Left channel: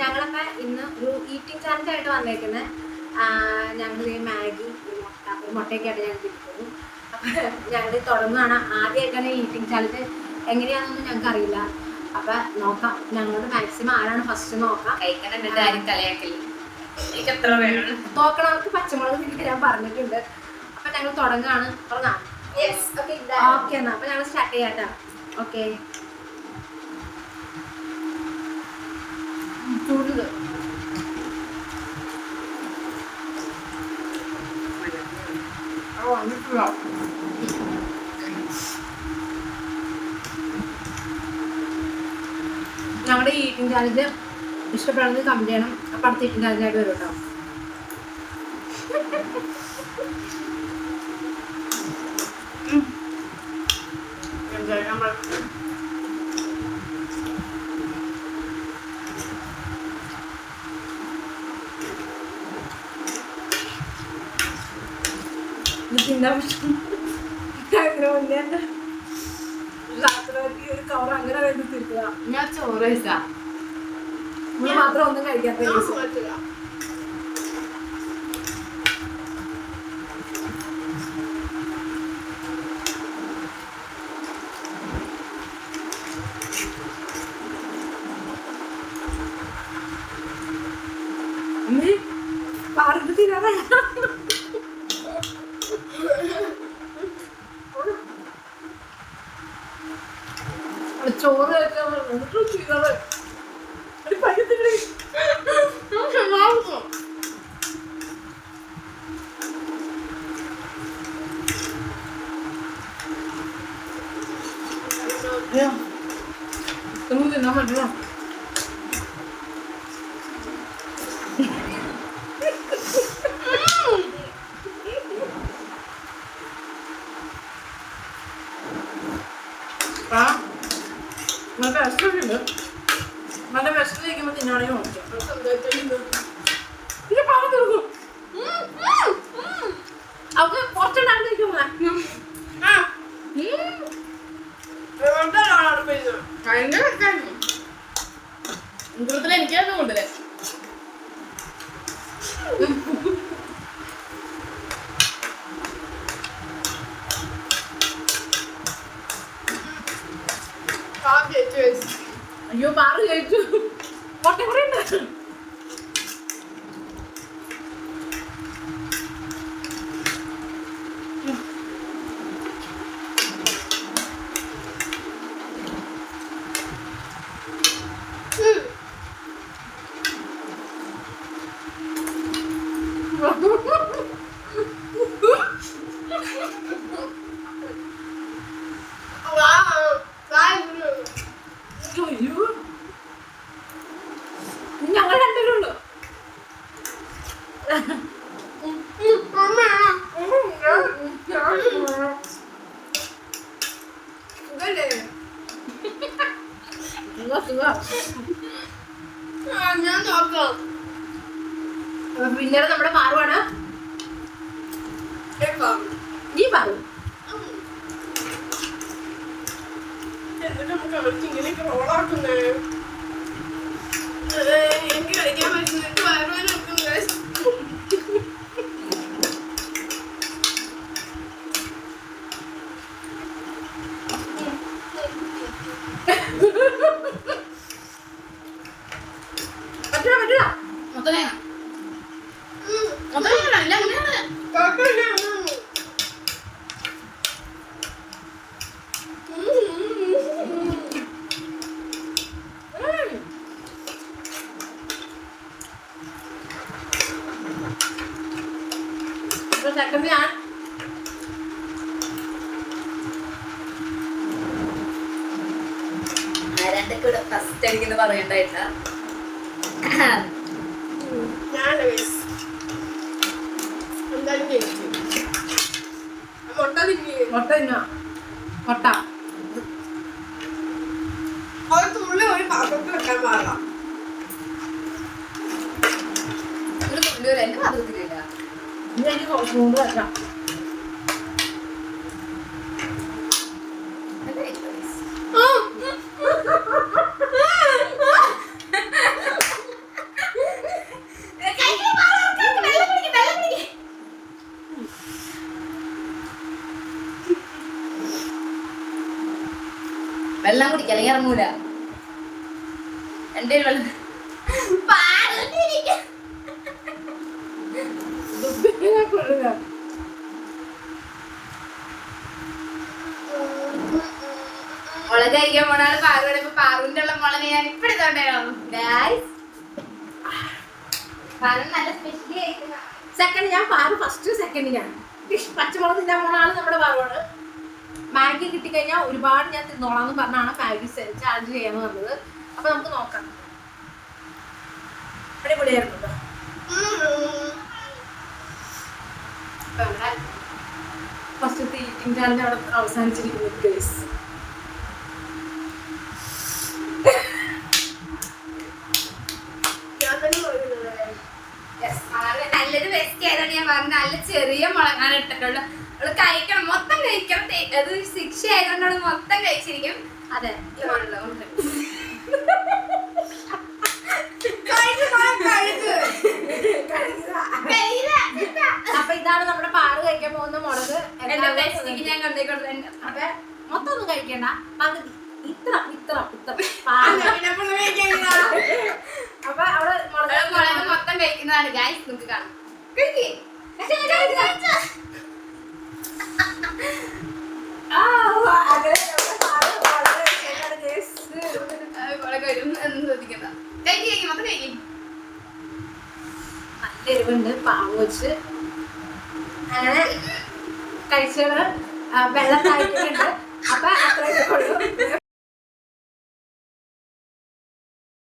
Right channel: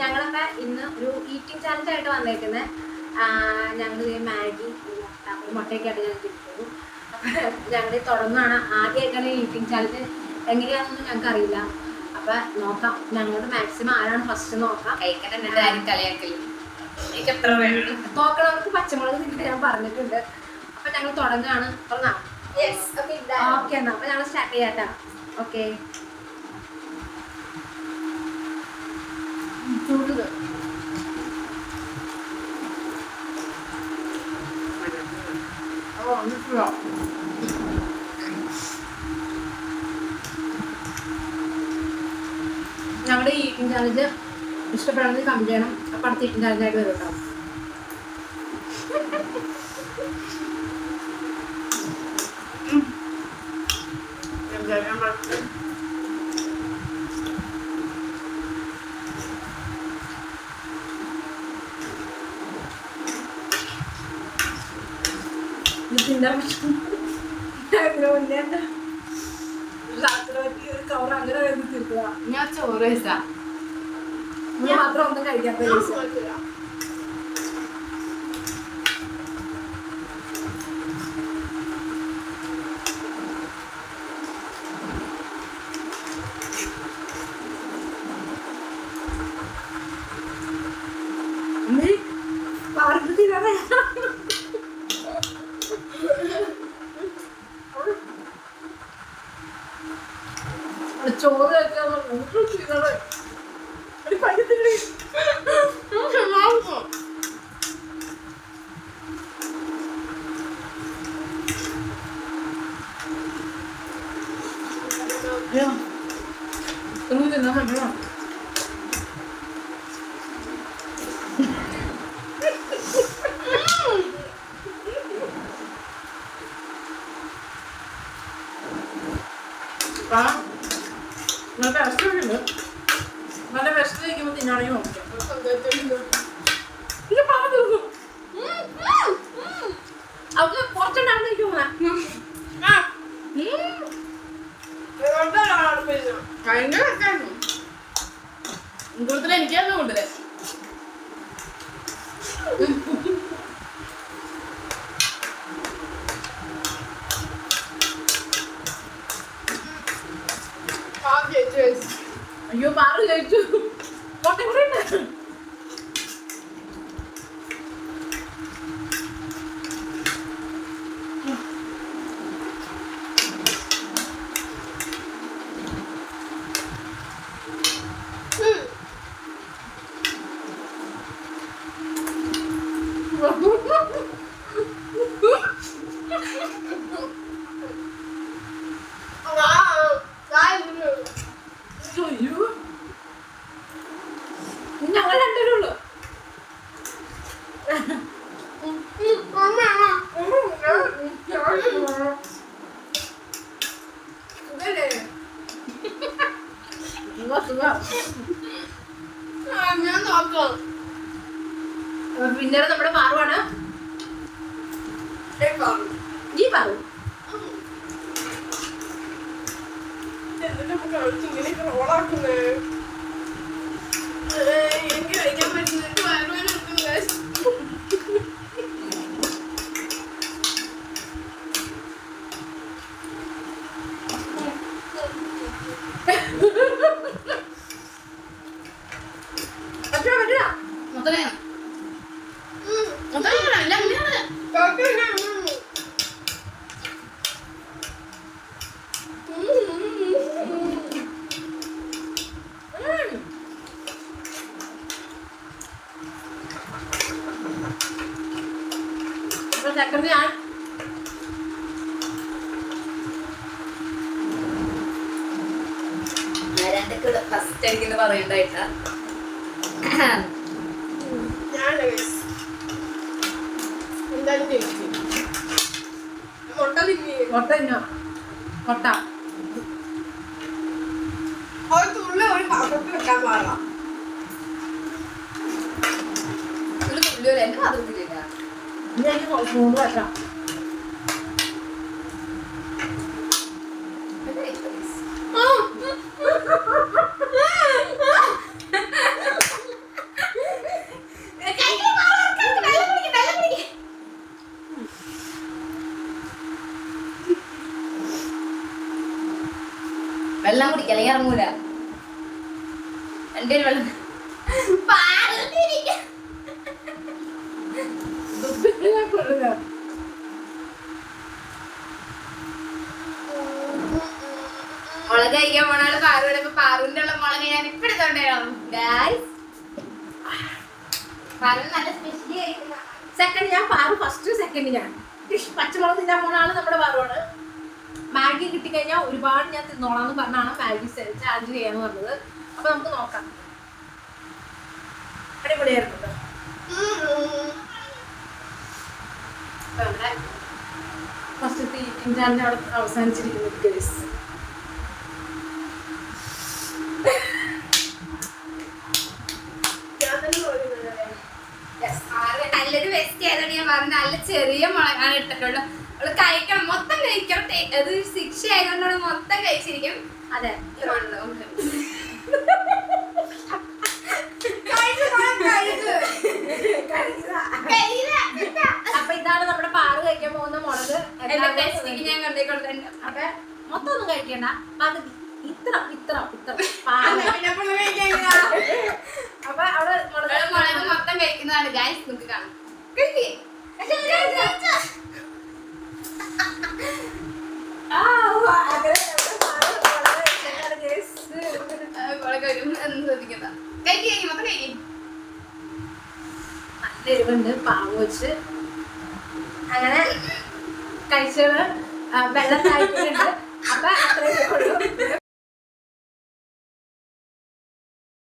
ഞങ്ങളൊക്കെ ഇന്ന് ഒരു ഈറ്റിംഗ് ചാലഞ്ച് ആയിട്ട് വന്നേക്കുന്നത്. ഞങ്ങൾ ഈ മാഗി മുട്ടയൊക്കെ ആയിട്ട് ഞങ്ങൾക്ക് കിട്ടുന്നു. അപ്പം ഞങ്ങൾ തുടങ്ങുകയാണ്. ആദ്യമായിട്ടാണ് ഈറ്റിംഗ് ചാലഞ്ച് എങ്ങനെയാണെന്നൊന്നും ഞങ്ങൾക്ക് അറിയില്ല. അപ്പം നോക്കാം, ഞങ്ങളോട് മാക്സിമം ആരാണ് ഫസ്റ്റ് നോക്കാം. നോക്കണവർക്ക് പച്ചമുളക് തിരിച്ച് ഞാൻ പറഞ്ഞിട്ടുണ്ട്. അപ്പം ഞങ്ങൾ തുടങ്ങുകയാണ്. തുടങ്ങാം. ഓക്കെ എന്നാ അപ്പം ഞങ്ങൾ സ്റ്റാർട്ട് ചെയ്യാട്ടാ. ഓക്കെ, ചൂട് ഞങ്ങളുടെ ഈറ്റിംഗ് ചാലഞ്ച് ഇഷ്ടപ്പെടുന്നത് കമന്റ് ചെയ്യണം. അപ്പം അടുത്ത ഈറ്റിംഗ് ചാലഞ്ചായിട്ട് വരും കേട്ടോ. ഒരു കവർ അങ്ങനെ തീർക്കുക. ഞാൻ ചോറ് മാത്രം ഒന്നും കഴിക്കാത്ത പാർട്ടി തീരാതെ ചോറ് കഴിക്കാൻ പറ്റത്തില്ല. തിന്നാൻ പറ്റില്ല. നല്ല വിഷമുണ്ട്. നല്ല വിഷം കഴിക്കുമ്പോൾ തിന്നാണെങ്കിൽ നോക്കാം. ഇത് പറഞ്ഞു തീർക്കും. അവർക്ക് കുറച്ചുണ്ടാകുന്ന ഭയങ്കര കൂടുതൽ എനിക്കാണ് കൊണ്ടുവരാൻ. അയ്യോ പാറ് കഴിച്ചു. കോട്ട കുറെ ഉണ്ട്. ഞങ്ങൾ രണ്ടുപേരുള്ളൂ. പിന്നീട് നമ്മുടെ പാറുവാണ്. നീ പാറു എനിക്ക് കഴിക്കാൻ പറ്റുന്നില്ല. സെക്കൻഡ് ഞാൻ ഫസ്റ്റ് അടിക്കുന്ന പറയണ്ടായിട്ടാ. മുട്ട തിന്നോ? മുട്ട ഒരു പാത്രത്തിൽ വെക്കാൻ പാടില്ല. ഒരു തുള്ളി എന്റെ പാത്രത്തിലില്ല. ഇനി എനിക്ക് ചൂട് വെക്കാം. കഴിക്കാം, അല്ലെങ്കിൽ ഇറങ്ങൂല. എന്റെ വെള്ളം മുളക് കഴിക്കാൻ പോണാല് പാറു ഇടുമ്പോ പാറുവിന്റെ ഉള്ള മുളക് ഞാൻ ഇപ്പൊ എടുത്തോണ്ടായിരുന്നു. നല്ല സ്പെഷ്യലി ആയിരിക്കും. സെക്കൻഡ് ഞാൻ പാറു, ഫസ്റ്റ് സെക്കൻഡ് ഞാൻ. പച്ചമുളക് തിന്നാൻ പോണ ആള് നമ്മുടെ പാറുവാണ്. മാഗി കിട്ടിക്കഴിഞ്ഞാൽ ഒരുപാട് ഞാൻ തിന്നോളാന്ന് പറഞ്ഞാണ് മാഗി ചാർജ് ചെയ്യാന്ന് പറഞ്ഞത്. അപ്പൊ നമുക്ക് നോക്കാം. അടിപൊളിയായിരുന്നു കേട്ടോ. അപ്പൊ നമ്മുടെ ഫസ്റ്റത്തെ ഈറ്റിംഗ് ചാനൽ അവിടെ അവസാനിച്ചിരിക്കുന്നു ഗൈസ്. നല്ലൊരു ബെസ്റ്റ് ആയതാണ് ഞാൻ പറഞ്ഞത്. നല്ല ചെറിയ മുളകാണ് ഇട്ടിട്ടുള്ളത്. അവള് കഴിക്കണം, മൊത്തം കഴിക്കണം. അത് ശിക്ഷ ആയതുകൊണ്ടാണ് മൊത്തം കഴിച്ചിരിക്കും. അതെ, അപ്പൊ ഇതാണ് നമ്മുടെ പാറ് കഴിക്കാൻ പോകുന്ന മുളക്. ഞാൻ കൊണ്ടേക്കൊണ്ടു. അപ്പൊ മൊത്തം ഒന്നും കഴിക്കണ്ട, പകുതി ഇത്ര ഇത്ര ഇത്ര. അപ്പൊ അവിടെ മുളക് മൊത്തം കഴിക്കുന്നതാണ് ഗൈസ്. നമുക്ക് കാണാം. നല്ല എരിവുണ്ട്, പാമ്പ് വെച്ച് അങ്ങനെ കഴിച്ചത് വെള്ളം താഴ്ത്തിട്ടുണ്ട്. അപ്പൊ അത്രയൊക്കെ ഉള്ളൂ.